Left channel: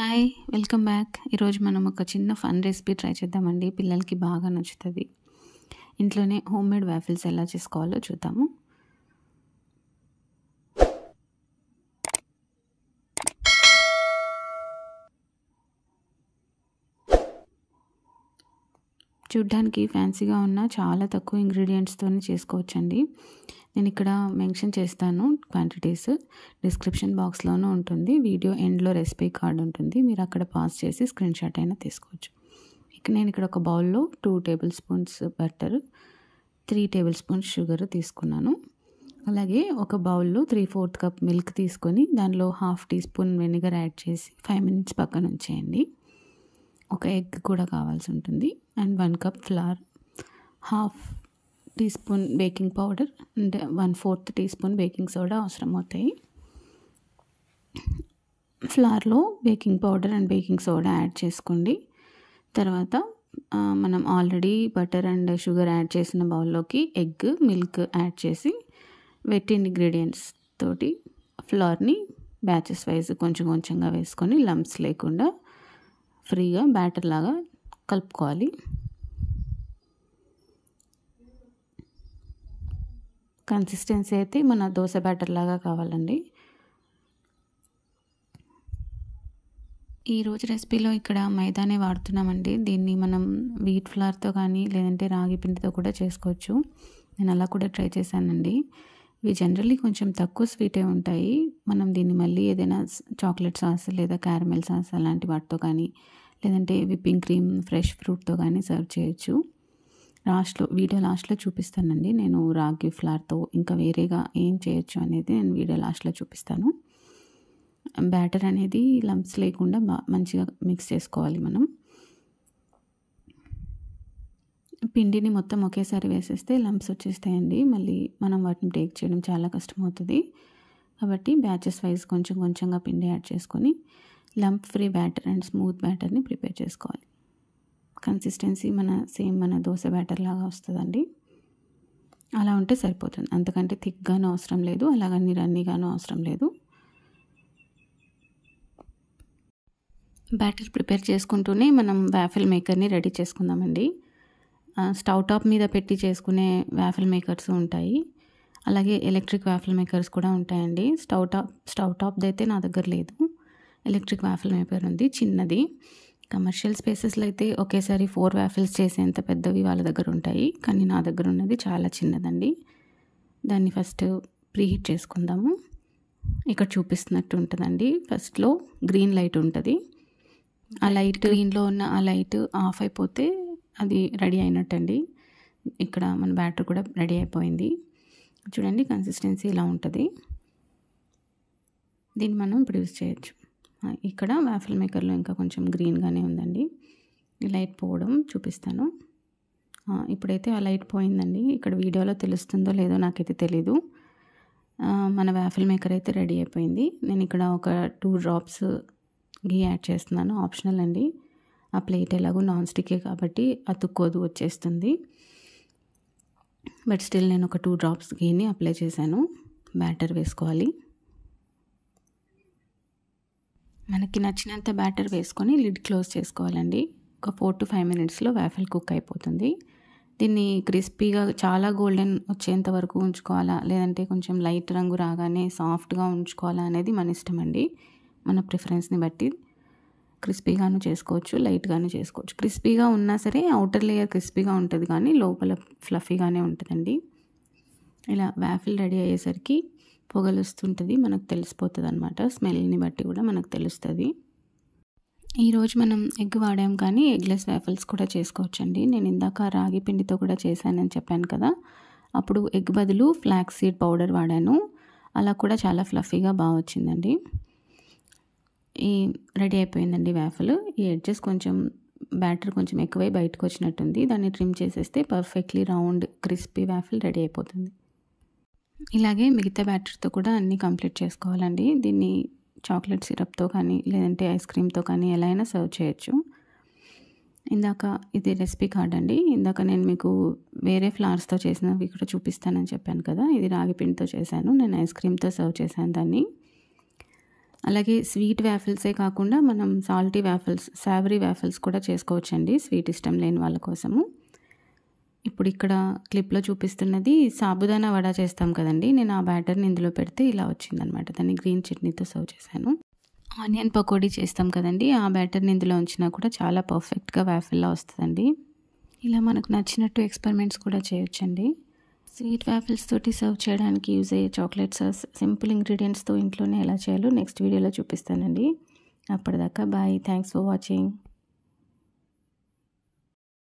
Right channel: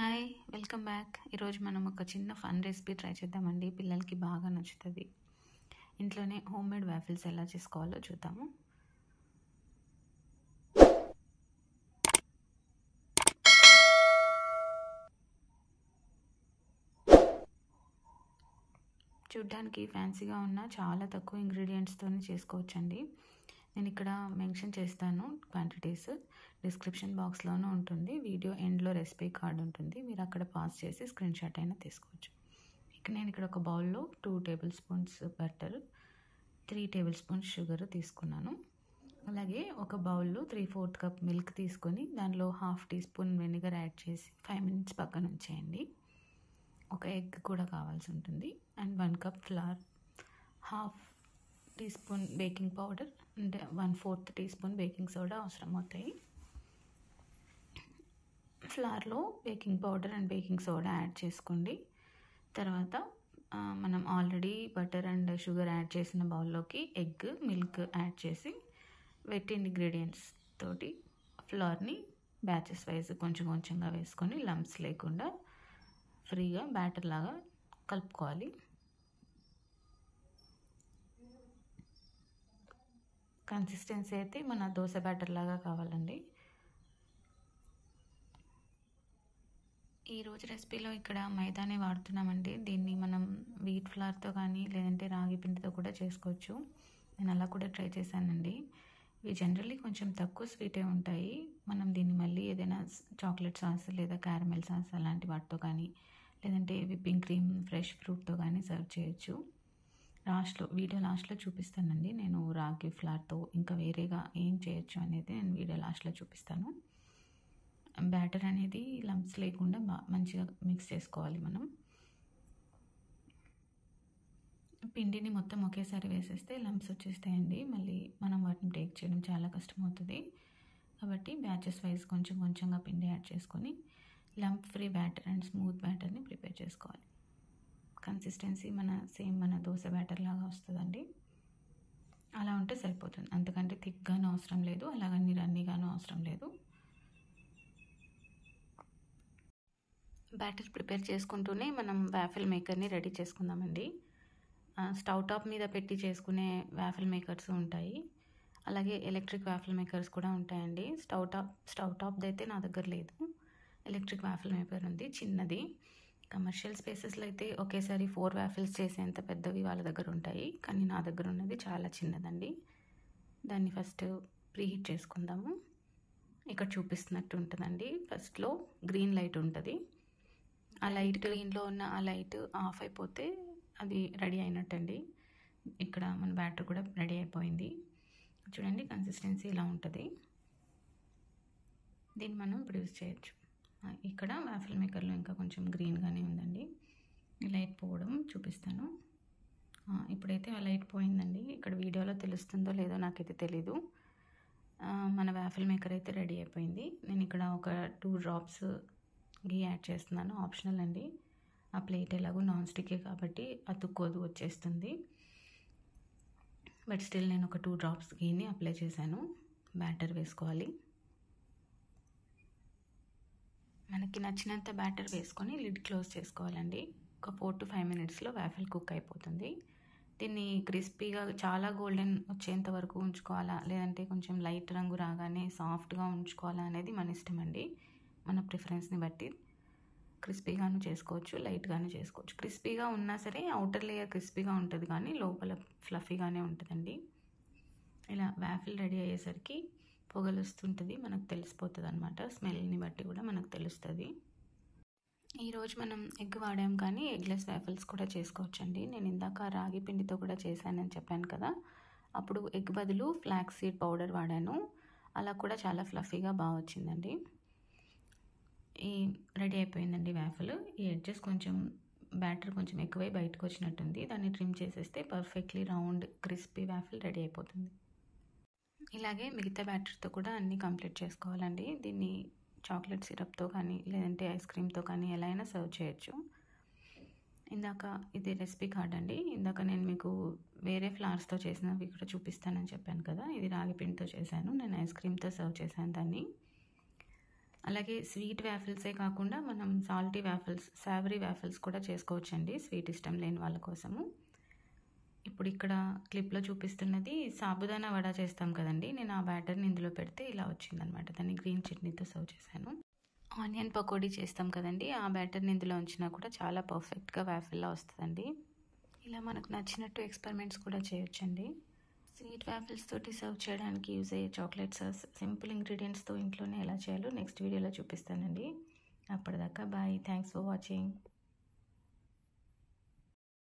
Hi welcome back. ఈరోజు మనం ఒక చిన్న ఫన్ రెసిపీ ట్రై చేద్దామండి. పిల్లలకి బాగా నచ్చుతుంది. ఇంట్లోనే హోమ్ మేడ్ వాఫిల్స్ ఎలా చేసుకోవాలో చూద్దాము. చూడ్డానికి ఫ్యాన్సీగా ఉన్న చాలా తక్కువ ఇంగ్రీడియంట్స్తోనే చేసుకోవచ్చండి. నేను ఇక్కడ మెన్షన్ చేస్తాను క్వాంటిటీస్, డిస్క్రిప్షన్ బాక్స్లోనూ ఉంటుంది. వీడియో ఎండ్లో రెసిపీ కార్డ్ ఉంటుంది, మీరు అక్కడ పాస్ చేసి స్క్రీన్ షాట్ అయినా తీసుకోవచ్చు. నేను ఇక్కడ ఒక బౌల్లో 2 table spoons butter, 3 table spoons sugar తీసుకున్నాను. అలాగే ఒక బౌల్లో 3/4 కప్ మిల్క్ తీసుకొని దానిలో 1/2 టీ స్పూన్ వెనిగర్ యాడ్ చేసి 5 మినిట్స్ పక్కన ఉంచేయండి. ఒక ఎగ్ కూడా కావాల్సి ఉంటుంది and 1 cup flour, 1/2 teaspoon baking powder and 1/4 teaspoon baking soda అవసరం అవుతాయి. ఫ్లవర్లో baking powder and baking soda add చేసుకోండి. తర్వాత మనం already butter and sugar add చేసిన బౌల్లోకి ఎగ్, మిల్క్ యాడ్ చేసి వెట్ ఇంగ్రీడియంట్స్ తోటి ఫ్లవర్ని బ్యాచెస్ వైజ్ కొంచెం కొంచెంగా వేసుకొని లంప్స్ లేకుండా ఫ్రీగా బ్యాటర్ లాగా కలుపుకోవాలి. కన్సిస్టెన్సీ అయితే మన దోశ బ్యాటర్ లాగా కావాలండి. ఈరోజు రెసిపీలో ఇక్కడ మైదానే వాడుతున్నామండి. దీన్ని మనం వీట్ ఫ్లవర్తో కానీ లేదంటే రాగి పిండితో కూడా చేసుకోవచ్చు. నేను అలా కూడా ట్రై చేశానండి. ఇవి జనరల్లీ కొంచెం తక్కువ స్వీటే ఉంటాయి. మనం దీన్ని మళ్ళీ ఏదైనా చాక్లెట్ సాస్ లేదా క్యారమెల్ సాస్ అలాంటి వాటితో కానీ లేదంటే విప్పింగ్ క్రీమ్, ఫ్రెష్ ఫ్రూట్తో కానీ సర్వ్ చేయొచ్చు. వీడియో లాస్ట్లో చూపిస్తానండి. నేను రాగి ఫ్లవర్తో ఇంకా వేరేగా ఏం చేయొచ్చు అనేది నేను వీడియో లాస్ట్లో చూపిస్తాను. బ్యాటర్ అనేది లంప్స్ లేకుండా మంచిగా మిక్స్ చేసుకోవాలి. మనం పిండిని మొత్తం ఒకేసారి వేసేస్తే లంప్స్ వచ్చేస్తాయండి. మళ్ళీ మనం వాటిని బ్రేక్ చేయడం చాలా కష్టమవుతుంది. కాబట్టి బ్యాచెస్ వైజ్ కొంచెం కొంచెంగా పిండి యాడ్ చేసుకొని lump free batter and smooth బ్యాటర్ని ప్రిపేర్ చేసుకోవాలి. కన్సిస్టెన్సీ మన దోశ బ్యాటర్ లాగా వస్తుందండి. అలా ఉంటే సరిపోతుంది. అంతకంటే థిక్గాను అవసరం లేదు, అలాగని రన్నీగాను అవసరం లేదు. బ్యాటర్ ప్రిపేర్ చేసుకుంటూనే మనం వాఫిల్ మేకర్ని రెడీ చేసుకుందామండి. స్టవ్ టాప్ మీద పెట్టి చేసుకునే వాఫిల్ మేకర్స్ ఉంటాయి, అలాగే ఎలక్ట్రిక్ వాఫిల్ మేకర్స్ కూడా ఉంటాయండి. స్టవ్ టాప్ది అయితే నా దగ్గర లేదు. ఎలక్ట్రిక్ వాఫిల్ మేకర్ ఉంది, చిన్నది. కమర్షియల్ స్పేసెస్లో అయితే ఒకేసారి 4 వాఫిల్స్ చేసేంత పెద్దవి వాళ్ళ దగ్గర ఉంటాయి, కానీ నా దగ్గర ఉన్నది చాలా చిన్నదండి. దాన్ని ఫస్ట్ ప్రీహీట్ చేసుకుందాము. ఇక్కడ చూపిస్తున్నట్టు ఉంటుందండి. ఫస్ట్లో గ్రీన్ లైట్ ఉంటుంది. ఆ లైట్, గ్రీన్లో ఉన్న ఆ లైట్ ఆఫ్ అయిపోతే అది రెడీ అయినట్టండి. ఇక్కడ మన బ్యాటర్ కూడా రెడీ అయిపోయింది. చూడండి, కన్సిస్టెన్సీ ఇలా ఉంటుంది. దీన్ని మనం ఇప్పుడు యూజ్ చేయొచ్చు. ఇక్కడ వాఫిల్ మేకర్లో ఇంకా కొంచెం గ్రీన్గానే ఉందండి. ఈ లైట్ పోవడం చూపిస్తాను. ఇప్పుడైతే ఆ లైట్ పోయిందండి. ఇక్కడ వీడియోలో తెలుస్తుందో లేదో నాకైతే తెలీదు. మన వాఫిల్ మేకర్ అయితే రెడీ అయిపోయింది. నేను ఇక్కడ ఒక 2 డ్రాప్స్ గీ యాడ్ చేస్తున్నాను, ఆప్షనల్ అండి. ఆ ప్లేట్ ఎలాగో నాన్ స్టిక్కే కాబట్టి అతుక్కోదు, వచ్చేస్తుంది. బట్ స్టిల్ నేను ఒక 2 డ్రాప్స్ గీని అప్లై చేశాను. బ్యాటర్ వేసుకోవాలి. మనకి నచ్చినంత బ్యాటర్ వేసుకొని లిడ్ క్లోజ్ చేసుకోవాలండి. ఒక 4 to 5 మినిట్స్లో వాఫిల్ కుక్ అయిపోతుంది. దీన్ని క్రిస్పీగా చాలా గోల్డెన్ వచ్చేంత వరకు ఉంచుకోవాలా, లేదంటే కొంచెం లైట్ రంగు రాగానే సాఫ్ట్గా ఉంచుకోవాలా అనేది మన ఇష్టం అండి. మన ప్రిఫరెన్స్ని బట్టి క్రిస్పీగాను చేసుకోవచ్చు, లైట్గాను చేసుకోవచ్చు. క్రిస్పీగా ఉన్నా సరే అవుటర్ లేయర్ క్రిస్పీగా ఉంటుంది, కానీ లోపల ఫ్లఫీగానే ఉంటుందండి. ఇలా వాఫిల్ రెడీ అయ్యేసరికి పొగలు వస్తుంటుంది, మనకు తెలిసిపోతుంది అనమాట. స్మెల్ని బట్టి కూడా మనకు తెలుస్తుంది. ఈరోజు మనం ఎగ్ వాడాం, కానీ ఎగ్లెస్ వాఫిల్స్ కూడా చేసుకోవచ్చండి. నేను ఇందాక రాగి పిండితో కూడా చేశానని చెప్పాను కదా, అప్పుడు ఎగ్ బదులు ఫ్లాక్స్ సీడ్ పౌడర్ వాడాను. అలా కూడా చాలా ఫ్లఫీగా బాగా వచ్చిందండి. రెడీ అయిపోయిందండి వాఫిల్. ఈ ఎడ్జెస్ కొంచెం బ్యాటర్ కొంచెం ఎక్కువై బయటకు వచ్చినట్టుంది. దాన్ని ట్రిమ్ చేసేస్తే perfectly round crispy waffle ready అయిపోతుంది. ఇలాగే మిగతా బ్యాటర్తో కూడా అన్నీ కంప్లీట్ చేసుకోవాలండి. దీన్ని చాక్లెట్ సిరప్తో కానీ లేదంటే ఐస్ క్రీమ్తో కానీ ఎలా అయినా సర్వ్ చేయొచ్చు. ఇందాక ఇది రెసిపీ కార్డ్ అండి. ఇందాక నేను మీకు వేరే ఫ్లవర్స్తో చేసినవి కూడా చూపిస్తానని చెప్పాను కదా, ఇది రాగి పిండితో చేశాను. నేను ఐస్ క్రీమ్తో సర్వ్ చేశాను దాన్ని. అలాగే స్వీట్ వాఫిల్సే కాకుండా మనం సాల్టీ వాఫిల్స్, సావరీ వాఫిల్స్ కూడా చేసుకోవచ్చండి స్వీట్ ఇష్టం లేని వాళ్ళ కోసము. ఇప్పుడు ఇక్కడ క్లిప్‌లో చూపిస్తున్నది సాబుదానా వడ చేస్తాం కదండీ! నేను ఆ బ్యాటర్‌ని ఇందులో పెడితే ఇలా వచ్చిందనమాట. దాన్ని గ్రీన్ చట్నీతో సర్వ్ చేశాను. ఆనియన్ పకోడీ చేస్తాం కదండీ! ఆ బ్యాటర్‌ని ఇందులో ఉంచినా కూడా చాలా పర్ఫెక్ట్‌గా వాఫిల్‌లా వస్తదండి. ఇలా మనకు నచ్చినట్టు ఎక్స్‌పెరిమెంట్స్ కూడా చేయొచ్చండి. స్వీట్ వాఫిల్స్ తోటి సర్వ్ చేయడానికి యూజ్ అయ్యే చాక్లెట్ సాస్ సింపుల్ ఇంగ్రీడియంట్స్‌తో ఇంట్లోనే ఎలా చేయాలో నెక్స్ట్ వీడియోలో చూపిస్తానండి. అప్పటిదాకా బాయ్. Thanks for watching.